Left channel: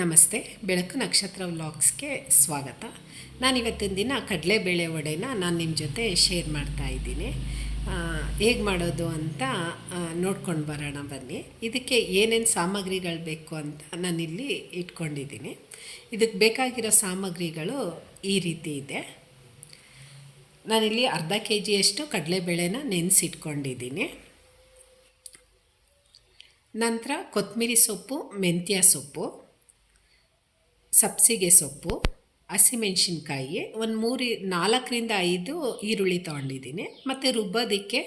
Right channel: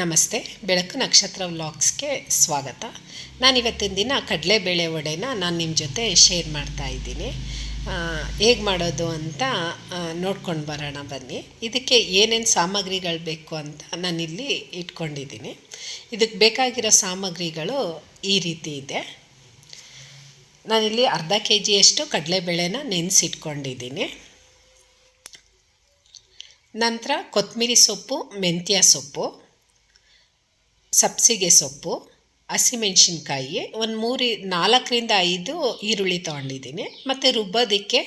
ನಮಸ್ತೆ. ಬೆಳಕು ನಕ್ಷತ್ರ ವ್ಲಾಗ್ಸ್ಗೆ ಸ್ವಾಗತ. ನಾನಿವತ್ತಿನ ದಿನ ಕಡಲೆಬೇಳೆ ವಡೆನ ನಾನು ನಿಮ್ಮ ಜೊತೆ ಶೇರ್ ಮಾಡ್ತಾ ಇದ್ದೀನಿ. ಹೇಗೆ ಮಾಡೋದು ಅಂತ ನೋಡ್ಕೊಂಡು ಬರೋಣ ಬನ್ನಿ. ಇದಕ್ಕೆ ಏನೇನು ಸಾಮಗ್ರಿಗಳು ಬೇಕು ಅಂತ ನಾನಿಲ್ಲಿ ಇಟ್ಕೊಂಡಿದ್ದೀನಿ. ಇದಕ್ಕೆ ಬೇಕಾಗಿರೋ ಸಾಮಗ್ರಿಗಳು ಈ ರೀತಿ ಇದೆ. ನಾನಿಲ್ಲಿ ಅರ್ಧ ಕೆ ಜಿಯಷ್ಟು ಕಡಲೆಬೇಳೆನ ನೆನೆಸಿಟ್ಕೊಂಡಿದ್ದೀನಿ. ನಂತರ ಕೊತ್ತಂಬರಿ ಸೊಪ್ಪು, ಮೆಂತ್ಯ ಸೊಪ್ಪು, ಸಬ್ಬಸಿಗೆ ಸೊಪ್ಪು, ಹಸಿಮೆಣ್ಸಿನ್ಕಾಯಿ, ಒಂದು 4-5 ಈರುಳ್ಳಿ ತೊಗೊಂಡಿದ್ದೀನಿ. ಮತ್ತು ರುಬ್ಬೋದಕ್ಕೆ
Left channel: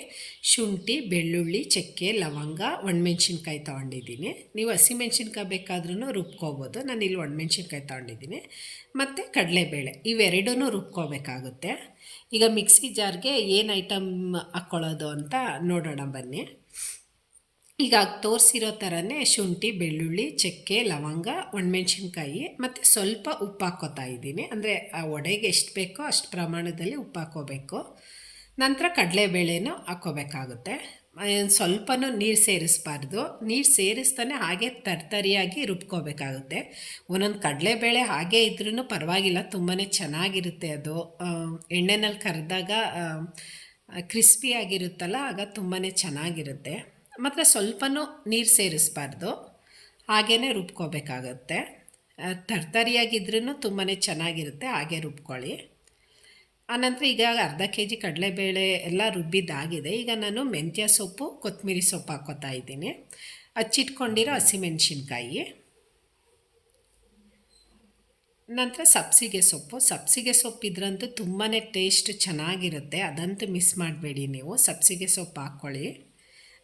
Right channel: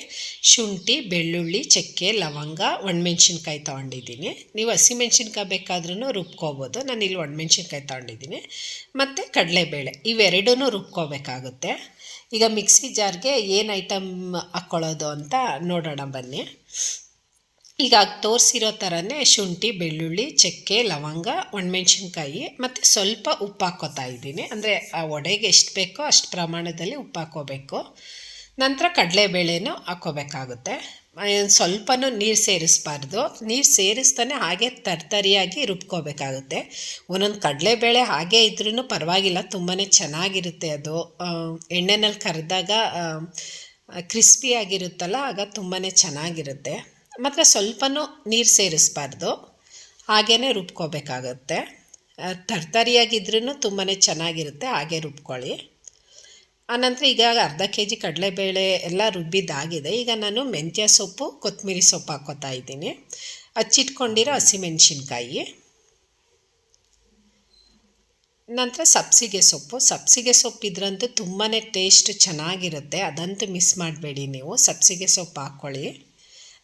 ಶುಂಠಿ, ಬೆಳ್ಳುಳ್ಳಿ, ಚಕ್ಕೆ, ಲವಂಗ, ಒಣಮೆಣ್ಸಿನ್ಕಾಯಿ ತೊಗೊಂಡಿದ್ದೀನಿ. ನೀವು ಹಸಿಮೆಣ್ಸಿನ್ಕಾಯಿ ಬೇಕಾದ್ರೂ ರುಬ್ಕೋಬೋದು. ನಾನಿಲ್ಲಿ ಒಣಮೆಣ್ಸಿನ್ಕಾಯಿ ತೊಗೊಂಡಿದ್ದೀನಿ. ಮತ್ತು ಕಡಲೆಬೇಳೆ ಇವೆರಡೂ ರುಬ್ಕೋಬೇಕಾಗುತ್ತೆ. ಈಗ ಮಿಕ್ಸಿ ಜಾರ್ಗೆ ಏನು ಐಟಮ್ ಹಾಕ್ಕೊಳ್ಳೋದು ಅಂತ ನೋಡೋಣ ಬನ್ನಿ. ಈಗ ತೋರಿಸಿರೋ ಥರನೇ ಶುಂಠಿ, ಬೆಳ್ಳುಳ್ಳಿ, ಚಕ್ಕೆ, ಲವಂಗ, ಒಣಮೆಣ್ಸಿನ್ಕಾಯಿ ಮತ್ತು ಸ್ವಲ್ಪ ಉಪ್ಪು ಹಾಕ್ಕೋತಾ ಇದ್ದೀನಿ. ಅಂದರೆ ಆ ವಡೆಗೆ ಎಷ್ಟು ಬೇಕೋ ಅಷ್ಟು ಪ್ರಮಾಣದಲ್ಲಿ ಉಪ್ಪು ಹಾಕ್ಕೋಬೇಕು. ನಂತರ ಕಡಲೆಬೇಳೆನೂ ಹಾಕ್ಕೋಬೇಕಾಗುತ್ತೆ. ಸ್ವಲ್ಪನೂ ನೀರು ಸೇರಿಸಬಾರ್ದು. ನೀರು ಸೇರಿಸ್ತಾನೆ ಹಾಗೆ ತರ್ತರಿಯಾಗಿ ರುಬ್ಕೋಬೇಕಾಗುತ್ತೆ. ಒಂದೊಂದು ಕಡಲೆಬೇಳೆ ಹಾಗೇ ಇದ್ರೂ ಪರವಾಗಿಲ್ಲ, ತುಂಬಾ ಚೆನ್ನಾಗಿರುತ್ತೆ. ಅದು ಎಣ್ಣೆನಲ್ಲಿ ಕರೆದಾಗ ಕ್ರಿಸ್ಪಿಯಾಗಿರುತ್ತಲ್ಲ, ಆಗ ತುಂಬಾ ಚೆನ್ನಾಗಿರುತ್ತೆ. ಮತ್ತು ಸ್ವಲ್ಪನೂ ನೀರು ಸೇರಿಸಬಾರ್ದು, ಹಾಗೇ ರುಬ್ಕೋಬೇಕಾಗತ್ತೆ. ತರ್ತರಿಯಾಗಿದ್ರೂ ತುಂಬಾ ಚೆನ್ನಾಗಿರುತ್ತೆ, ಹಾಗೆ ರುಬ್ಕೊಳ್ಳಿ. ಆನಂತರ ಈಗ ಅರ್ಧ ಕೆ ಜಿ ಕಡಲೆಬೇಳೆ ಎಲ್ಲ ರುಬ್ಬಿದ್ದಾಗಿದೆ. ಈಗ ನಾನು ಮೆಂತ್ಯ ಸೊಪ್ಪು, ಕೊತ್ತಂಬರಿ ಸೊಪ್ಪು ಹಾಕ್ಕೋತಾ ಇದ್ದೀನಿ. ಹಚ್ಚಿಟ್ಕೊಂಡಿರೋ ಹಸಿಮೆಣ್ಸಿನ್ಕಾಯಿ, ನಂತರ ಸಬ್ಬಸಿಗೆ ಸೊಪ್ಪು ಇದ್ರಂತೂ ತುಂಬಾ ಟೇಸ್ಟ್ ಚೆನ್ನಾಗಿರುತ್ತೆ. ಅದಂತೂ ಮಿಸ್ ಮಾಡಬೇಡಿ ನೀವು, ಸಬ್ಬಸಿಗೆ ಸೊಪ್ಪು ಹಾಕ್ಕೊಳ್ಳಿ.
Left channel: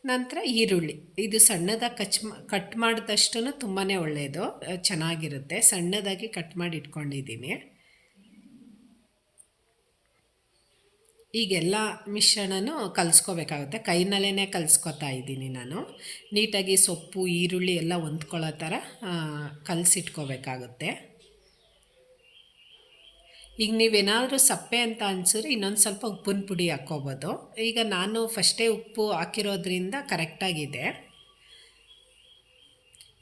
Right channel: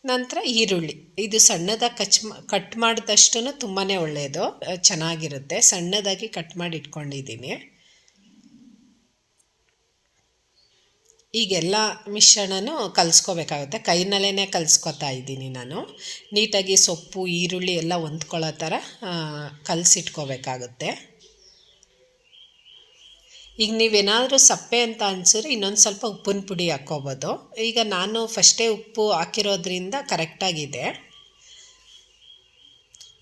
ನಂತರ ಈರುಳ್ಳಿ, ಇದು ಸಣ್ಣದಾಗಿ ಕಟ್ ಮಾಡಿದಷ್ಟು ತುಂಬಾ ಒಳ್ಳೆಯದು, ಚೆನ್ನಾಗಿರುತ್ತೆ. ಸಣ್ಣದಾಗಿ ಕಟ್ ಮಾಡಿ ಇಟ್ಕೊಂಡಿದ್ದೀನಿ. ಈಗೆಲ್ಲ ಮಿಶ್ರಣನೂ ಕಲಿಸ್ಕೋಬೇಕಾಗುತ್ತೆ. ಕೈನಲ್ಲೇ ಕಲಿಸ್ಕೊತಾ ಇದ್ದೀನಿ ನಾನು. ನೀಟಾಗಿ ಸೊಪ್ಪು, ಈರುಳ್ಳಿ ಎಲ್ಲ ಹೊಂದ್ಕೊಳ್ಳೋ ಥರ ಕಲಸಿಟ್ಕೋಬೇಕಾಗುತ್ತೆ. ಈಗ ನೀವೇನಾದರೂ ಸಪ್ಪೆ ಅಂತ ಅನಿಸಿದ್ರೆ ಇನ್ನೊಂದು ಸ್ವಲ್ಪ ಉಪ್ಪಿನ ಪುಡಿ ಹಾಕ್ಕೋಬೋದು. ಈಗ ನಾನು ಫಸ್ಟೇ ಉಪ್ಪು ಹಾಕಿರೋದ್ರಿಂದ ಕರೆಕ್ಟಾಗಿದೆ.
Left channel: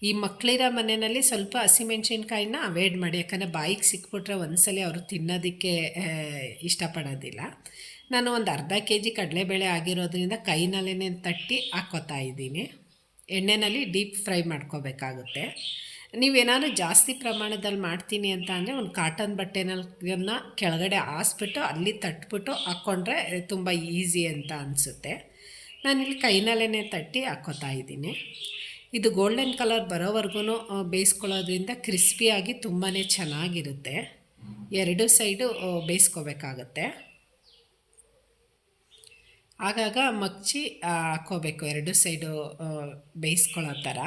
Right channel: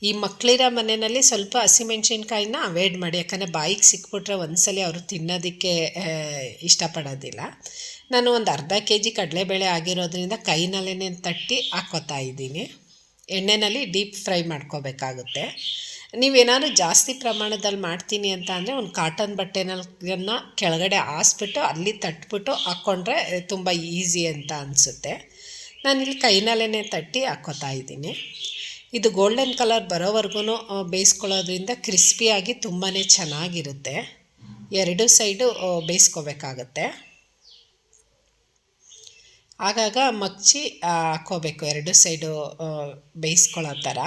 ಈ ಮಕ್ಕಳಿರೋ ಮನೆಯಲ್ಲಿ ಸ್ವಲ್ಪ ಹಸಿಮೆಣ್ಸಿನ್ಕಾಯಿನ ಅವಾಯ್ಡ್ ಮಾಡಿ, ಯಾಕಂದರೆ ಬಾಯಿಗೆ ಸಿಕ್ಬಿಟ್ರೆ ಒಂದ್ಸಲಿ ಅವರು ತಿನ್ನೋದಕ್ಕೆ ಇಷ್ಟಪಡೋದಿಲ್ಲ. ನಾನು ಒಂದು ಅರ್ಧ ಕೆ ಜಿ ಕಡಲೆಬೇಳೆ ಆಗಿರೋದ್ರಿಂದ ಕೈನಲ್ಲೇ ತಟ್ಟಿ ಹಾಕ್ಕೋತಾ ಇದ್ದೀನಿ. ಎಣ್ಣೆಯಲ್ಲಿ ಡೀಪ್ ಫ್ರೈ ಮಾಡ್ಕೋಬೇಕಾಗುತ್ತೆ. ನೀವೇನಾದ್ರು ಜಾಸ್ತಿ ಪ್ರಮಾಣದಲ್ಲಿ ಮಾಡ್ತೀನಿ ಅಂತ ಅಂದರೆ ಒಂದು ಕಾಟನ್ ಬಟ್ಟೆನ ಕೆಳಗಡೆ ಹಾಸ್ಬಿಟ್ಟು ಅಲ್ಲಿ ತಟ್ಬಿಟ್ಟು ಹಾಕ್ಕೊಂಡ್ರೆ ತುಂಬ ಈಸಿ ಅಂತ ಅನಿಸುತ್ತೆ. ನಾನಿಲ್ಲಿ ಕೈನಲ್ಲೇ ತಟ್ಟಿ ಹಾಕ್ಕೋತಾ ಇದ್ದೀನಿ. ಇದು ಗೋಲ್ಡನ್ ಕಲರ್ ಬರೋವರೆಗೂ ಬೇಯಿಸ್ಕೊಳ್ಳೋದ್ರಿಂದ ಕ್ರಿಸ್ಪಿಯಾಗಿ ತುಂಬಾ ಚೆನ್ನಾಗಿರುತ್ತೆ. ಎರಡು ಸೈಡು ಬೇಯಿಸ್ಕೋಬೇಕಾಗತ್ತೆ. ಆಗಾಗ ಮಗ್ಚಿ ಹಾಕ್ಕೋಬೇಕು, ಎರಡು ಸೈಡು ಬೇಯಿಸ್ಕೊಳ್ಳೋ ಥರ.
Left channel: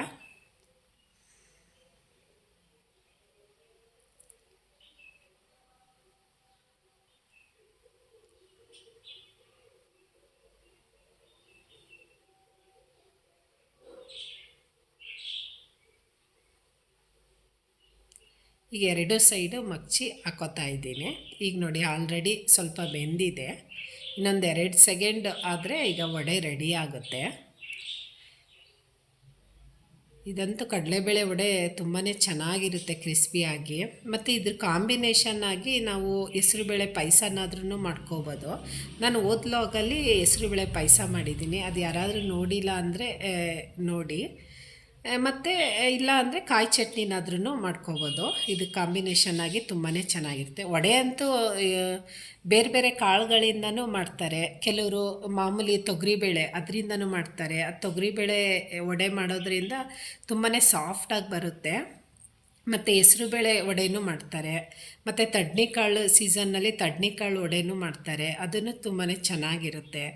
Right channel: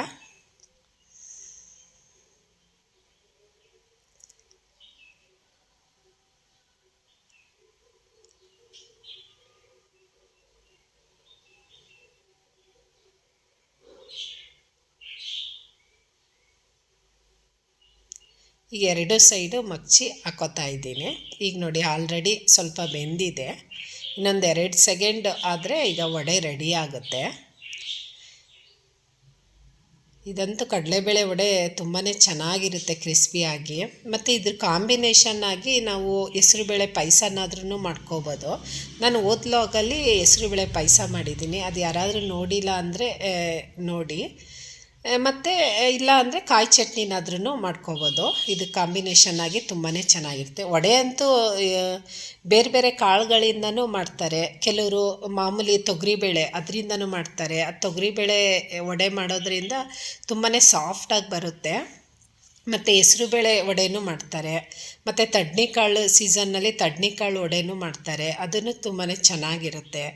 ಈಗ ಎರಡು ಸೈಡು ಮಗ್ಚಿ ಹಾಕ್ಕೋತಾ ಇದ್ದೀನಿ. ಈಗ ನೋಡಿ ಆಲ್ರೆಡಿ ಸ್ವಲ್ಪ ಬೆಂದಿದೆ. ಇನ್ನೊಂದು 2 ಸೆಕೆಂಡ್ ಆದರೆ ಈಗ ವಡೆ ರೆಡಿ ಆಗುತ್ತೆ. ಇದಂತೂ ಕಡಲೆಬೇಳೆ ವಡೆ ತುಂಬಾ ಚೆನ್ನಾಗಿರುತ್ತೆ ಕ್ರಿಸ್ಪಿಯಾಗಿ. ಮತ್ತು ಇದ್ರ ಕಾಂಬಿನೇಷನ್ ಆಗಿ ನಾವು ಹೆಸ್ರುಬೇಳೆ ಪಾಯಸನಾದ್ರೂ ಮಾಡ್ಕೋಬೋದು. ನಾನು ಓದ್ಲಾಗಲ್ಲಿ ಹೆಸ್ರುಬೇಳೆ ಪಾಯಸ ಮಾಡಿದ್ದೀನಿ, ಅದು ಯಾರಾದರೂ ನೋಡಿಲ್ಲ ಅಂದರೆ ನೋಡಿ. ಮತ್ತು ಇಲ್ಲ ಅಂದರೆ ಕಾಯಿ ಚಟ್ನಿನಾದ್ರೂ ಮಾಡ್ಕೋಬೋದು. ಇದು ಕಾಂಬಿನೇಷನ್ ಆಗಿ ತುಂಬಾ ಚೆನ್ನಾಗಿರುತ್ತೆ. ವಡೆ ಅಂತೂ ಬೇರೆ ಬೇರೆ ಕಾಳುಗಳಿಂದನೂ ಮಾಡ್ತಾರೆ. ಕೆಲವರು ಮಾಮೂಲಿ ತೊಗರಿಬೇಳೆ ಅದರಿಂದನೂ ಮಾಡ್ತಾರೆ. ಆ ತೊಗರಿಬೇಳೆ ವಡೆ ಮಾಡೋದ್ರಿಂದ ತುಂಬಾ ಸಾಫ್ಟಾಗಿ ಬರುತ್ತೆ. ಮತ್ತು ಹೆಸ್ರುಬೇಳೆ ವಡೆನೂ ಮಾಡ್ತಾರೆ. ಮತ್ತು ತಡ್ನಿಕಾಳು ಸೀಸನ್ನಲ್ಲಿ ತಡ್ನಿಕಾಳು ವಡೆನೂ ಮಾಡ್ತಾರೆ, ಅದನ್ನು ತುಂಬಾ ಚೆನ್ನಾಗಿರುತ್ತೆ.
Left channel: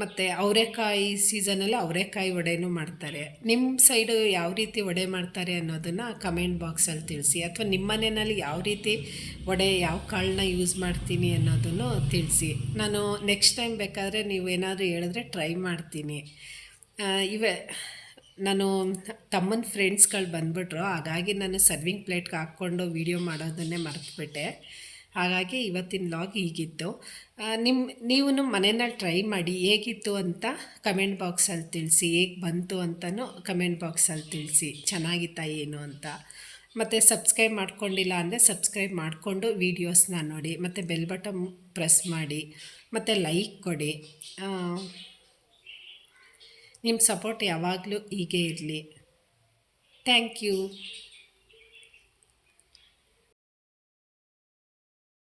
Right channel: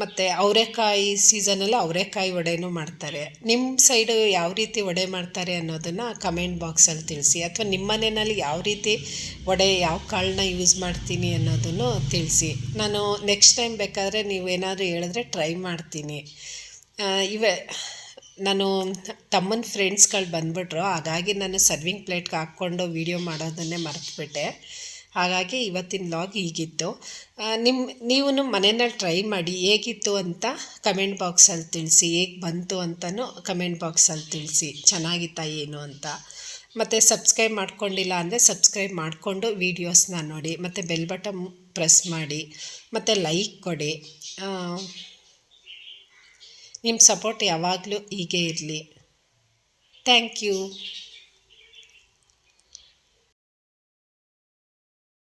ಮತ್ತು ಅವರೆಕಾಯಿ ಸೀಸನಲ್ಲಿ ಅವರೆಕಾಯಿ ವಡೆನೂ ಮಾಡ್ತಾರೆ. ನಿಮ್ಮ ಸೈಡು ಯಾವ ರೀತಿ ವಡೆ ಮಾಡ್ತಾರೆ ಅನ್ನೋದನ್ನು ಕಮೆಂಟ್ ಬಾಕ್ಸಲ್ಲಿ ತಿಳಿಸಿ. ಅಥವಾ ನಿಮ್ಮ ಮನೆಯಲ್ಲಿ ಯಾವ ರೀತಿ ವಡೆ, ಯಾವ ಕಾಳನ್ನ ಯೂಸ್ ಮಾಡ್ತೀನಿ ಅನ್ನೋದನ್ನು ತಿಳಿಸಿ. ನಾನು ನೆಕ್ಸ್ಟ್ ಟೈಮ್ ಬೇಕಾದರೆ ನೀವೇನಾದರೂ ಹೇಳಿದ್ರೆ ಟ್ರೈ ಮಾಡ್ತೀನಿ. ನಾನು ತಮ್ಮನ ಫ್ರೆಂಡ್ಸ್ಗಳು ಬಂದುಬಿಟ್ರು, ಹಾಗಾಗಿ ನಾನು ಸರ್ವಿಂಗ್ ಪ್ಲೇಟ್ಗೆ ಹಾಕ್ಕೊಂಡು ವೀಡಿಯೋ ಮಾಡೋದನ್ನೇ ಮರೆತುಬಿಟ್ಟೆ. ಹಾಗಾಗಿ ಇವತ್ತಿನ ವ್ಲಾಗ್ ಹೀಗಿತ್ತು. ನೀವು ಮನೆಯಲ್ಲಿ ಟ್ರೈ ಮಾಡಿ ಹೇಗಿತ್ತು ಅಂತ ಕಮೆಂಟ್ ಬಾಕ್ಸಲ್ಲಿ ತಿಳಿಸಿ. ಹೇಗೆ ಬಂತು ಅಂತಲೂ ಕಮೆಂಟ್ ಬಾಕ್ಸಲ್ಲಿ ತಿಳಿಸಿ, ಚೆನ್ನಾಗಿತ್ತಾ ಏನು ಅಂತ. ಮತ್ತು ಸಬ್ಸ್ಕ್ರೈಬ್ ಮಾಡ್ಕೊಂಡಿಲ್ಲ ಅಂದರೆ ಸಬ್ಸ್ಕ್ರೈಬ್ ಮಾಡಿಕೊಂಡು ವೀಡಿಯೋಸ್ನ ನೋಡಿ, ಮತ್ತು ಬೆಲ್ ಬಟನ್ ಪ್ರೆಸ್ ಮಾಡಿ, ಮತ್ತು ಲೈಕ್ ಕೊಡಿ. ನಿಮ್ಮ ಸಪೋರ್ಟ್ ಯಾವಾಗಲೂ ಹೀಗೆ ಇರಲಿ. Thank you.